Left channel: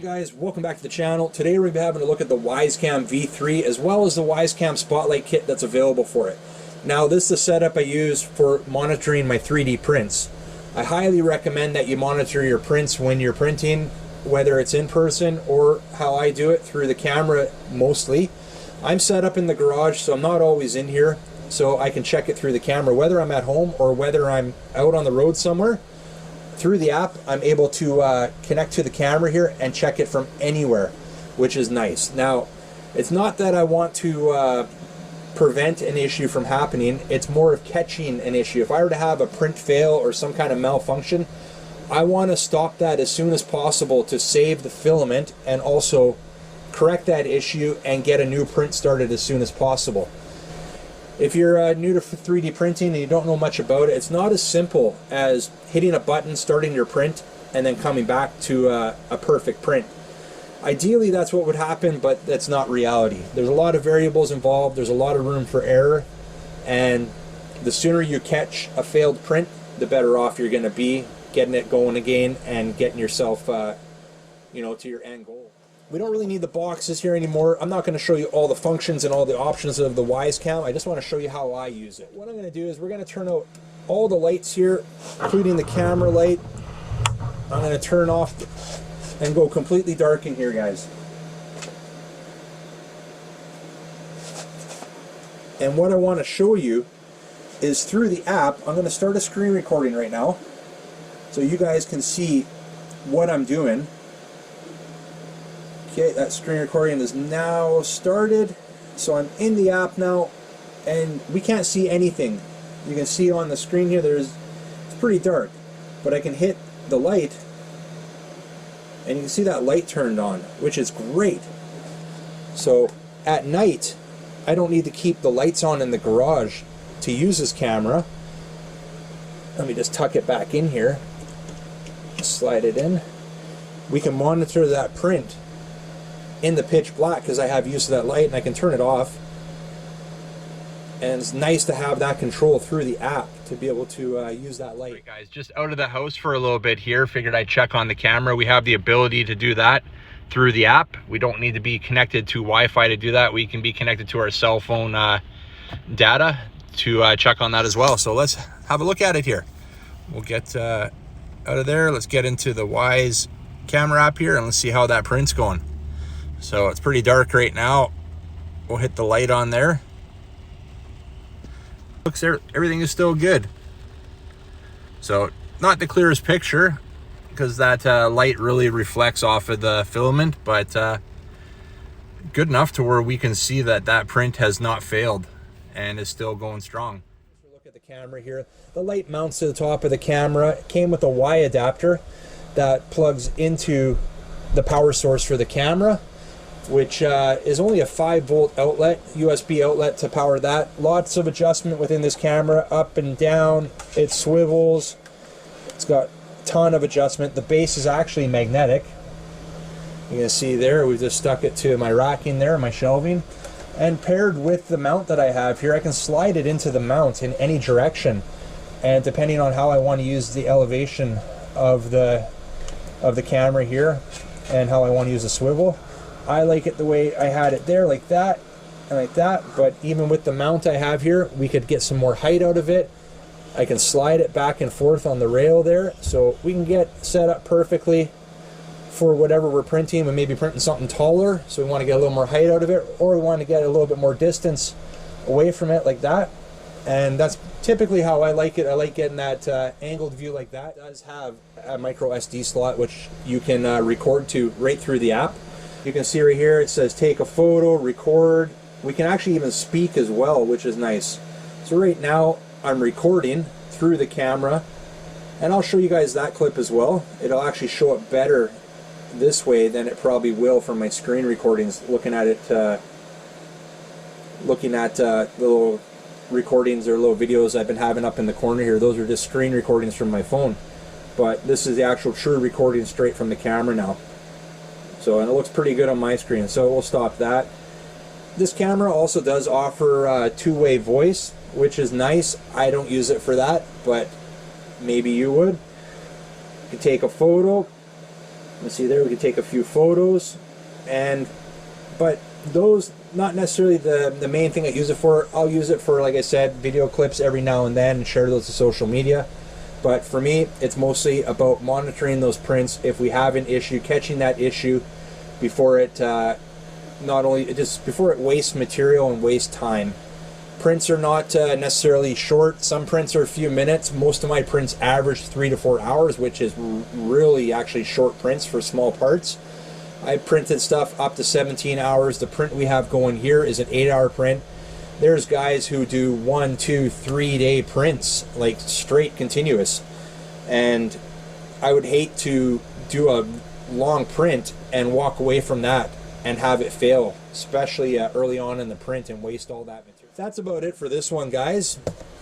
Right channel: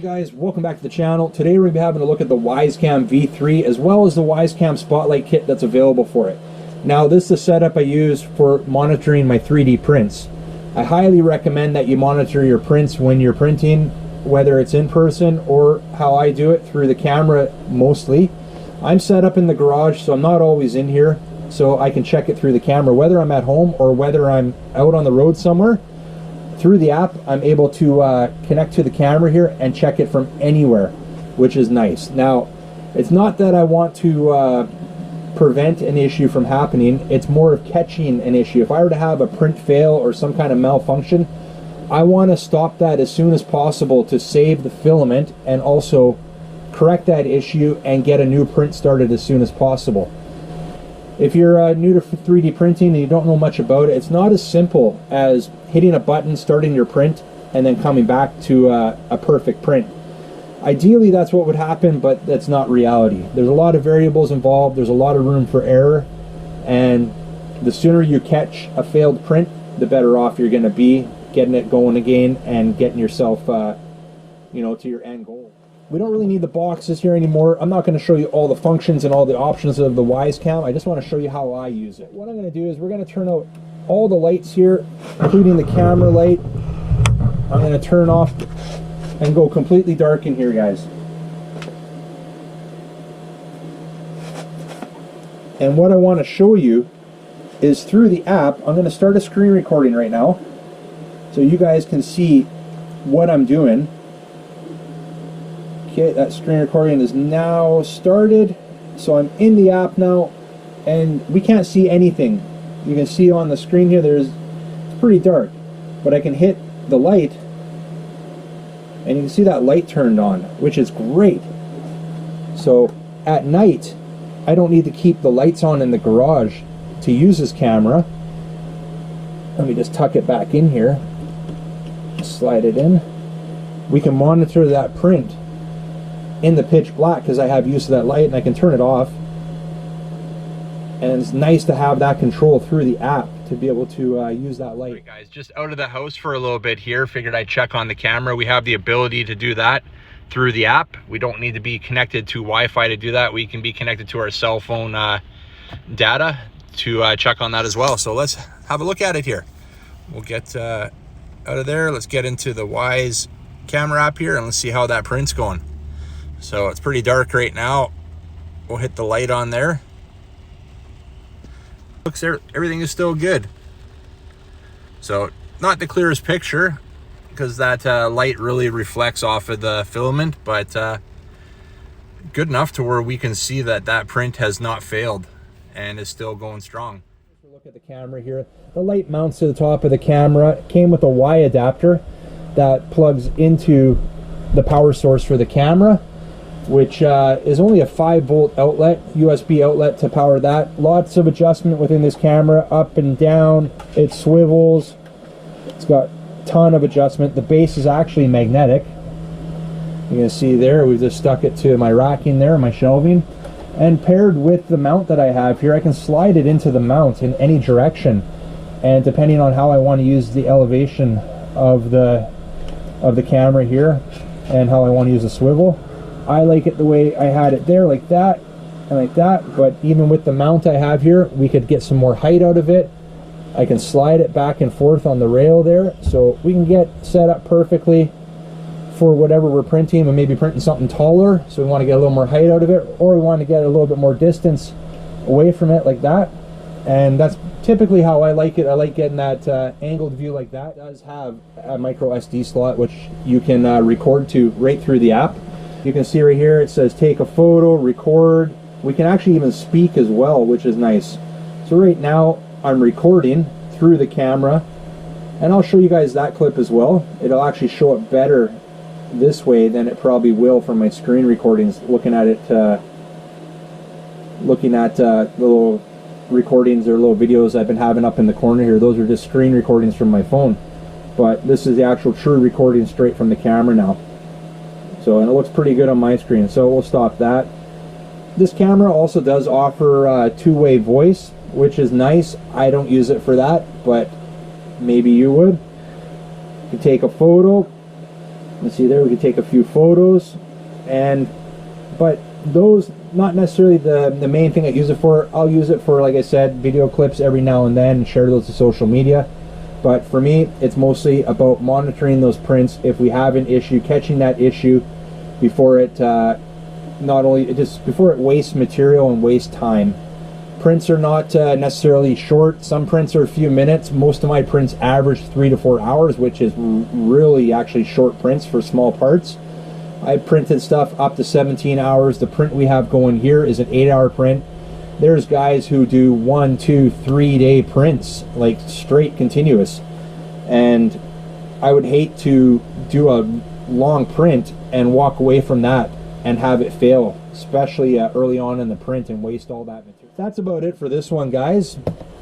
Guys, welcome back to the channel. Today we're going to be having a look at the WYZE CAM V3 as well as the WYZE CAM Spotlight kit that's available for it. Now this is the setup I use for monitoring my 3D prints. I highly recommend that you monitor your prints when you're printing, whether it's in person or how I do it through the camera mostly. I'm set up in the garage, so I'm not always in here, so I can check it through the camera whether I'm at home or whether I'm out on the road somewhere. Through the app, I'm able to connect to the camera here and check it from anywhere, which is nice. Now, it's not that I want to prevent an issue from happening, it's more of catching an issue. If I were to have a print fail or some kind of malfunction, I want to stop that as soon as possible to save the filament and also correct that issue and get a new print started as soon as possible. If you're new to 3D printing and you don't know much about it, it's not as simple as hitting a button, starting your print, and then coming back to a perfect print. Ideally, that's what would happen, but that's not reality. There's a lot of variables involved, there's a lot of room for error, and the sooner you catch a failed print, the better off you're going to be getting it going again and getting yourself you know, to your end goal. We don't really need the boxes here anymore. I'm not going to show you all the functions and all the options of the WYZE CAM. I just want to show you how I use it. What I'm going to do is we're going to turn out all the lights here, including the camera light. I'm going to turn off and go completely dark in here, guys. And what I want to show you is through the app, I'm going to start a screen recording right now so you guys can see what I'm doing. Okay, that screen recording is now started. So I'm in the app now and we can't see anything. You can see on the screen here, it's pretty dark, but I can hit the light and you can see that light turned on, which is great. So at night, I don't need to keep the lights on in the garage to use this camera. Let me just tuck it back in here, slide it in. We can monitor that print in the pitch black because I have use of that light, and I can turn it off. And it's nice to have that control through the app to be able to use that light. All right, guys, just out of the house for a little bit here. Figured I'd check on the camera. We have the ability to do that through the app. We don't need to be connected to Wi-Fi to do that. We can be connected to our cell phone data to check on that as well. So let's have a look at it here. We'll get out of there. Let's get into the WYZE camera app here and let's see how that print's going. So it's pretty dark right now. We'll hit the light on there. Looks, everything is still good. So not the clearest picture because that light really reflects off of the filament, but good enough to where we can see that that print has not failed and is still going strong. Look at the camera here. The light mounts to the top of the camera. It came with a Y adapter that plugs into the power source for the camera, which is only a 5-volt outlet, USB outlet to power that. Lots of adjustment within this camera, up and down. It swivels. It's got a ton of adjustment. The base is actually magnetic. You can see there, we've just stuck it to my racking there, my shelving. And paired with the mount that I have here, I can slide it into the mount in any direction. And depending on how I want to use the elevation of the camera here and how I want to use the swivel, I like it the way I had it there, like that and like that. But even with the mount I have here, we could get some more height out of it. I can slide it back and forth on the rail there, so we can get set up perfectly for whatever we're printing. We may be printing something taller, so we want to get a little more height out of it, or we want to get a little bit more distance away from it, like that. And that's typically how I like it. I like getting that angled view like that. It does have a micro SD slot, which you can record to right through the app. You can see right here it says take a photo, record. We can actually even speak as well, which is nice. So right now I'm recording through the camera, and I'll show you guys that clip as well. It'll actually show it better this way than it probably will from my screen recordings, looking at it, the little recordings or little videos I've been having up in the corner here. Those are just screen recordings from my phone, but this is the actual true recording straight from the camera now. So, and it looks pretty good on my screen, so we'll stop that. This camera also does offer two-way voice, which is nice. I don't use it for that, but maybe you would. You can take a photo. Let's see there, we can take a few photos, but those not necessarily the main thing I use it for. I'll use it for, like I said, video clips every now and then and share those to social media. But for me, it's mostly about monitoring those prints. If we have an issue, catching that issue before it before it wastes material and wastes time. Prints are not necessarily short. Some prints are a few minutes. Most of my prints average 3 to 4 hours, which is really actually short prints for small parts. I printed stuff up to 17 hours. The print we have going here is an 8-hour print. There's guys who do 1, 2, 3 day prints, like straight continuous. And I would hate to do a long print and walk away from that and have it fail, especially early on in the print, and waste all that material. That's about it for this one, guys.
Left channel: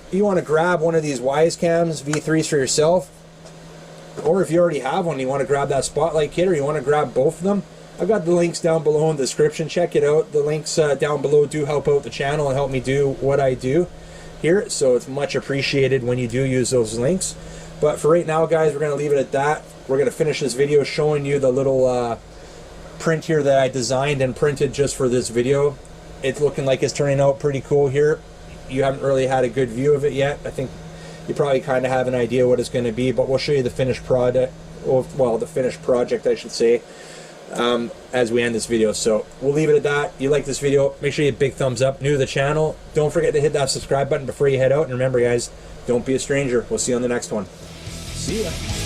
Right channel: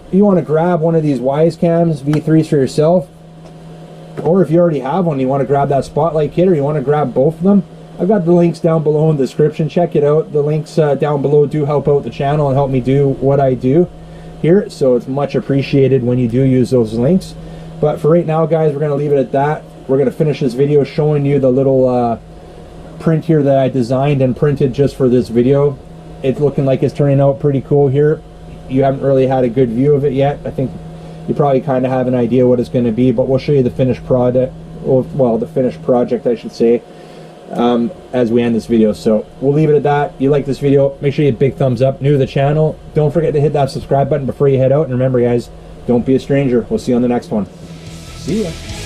If you want to grab one of these WYZE CAMs V3s for yourself, or if you already have one, you want to grab that Spotlight kit, or you want to grab both of them, I've got the links down below in the description. Check it out. The links down below do help out the channel and help me do what I do here, so it's much appreciated when you do use those links. But for right now, guys, we're going to leave it at that. We're going to finish this video showing you the little print here that I designed and printed just for this video. It's looking like it's turning out pretty cool here. You haven't really had a good view of it yet. I think you probably kind of have an idea what it's going to be, but we'll show you the finished product, well, the finished project, I should say, as we end this video. So we'll leave it at that. If you like this video, make sure you hit big thumbs up. New to the channel, don't forget to hit that subscribe button before you head out. And remember, guys, don't be a stranger. We'll see you on the next one. See ya.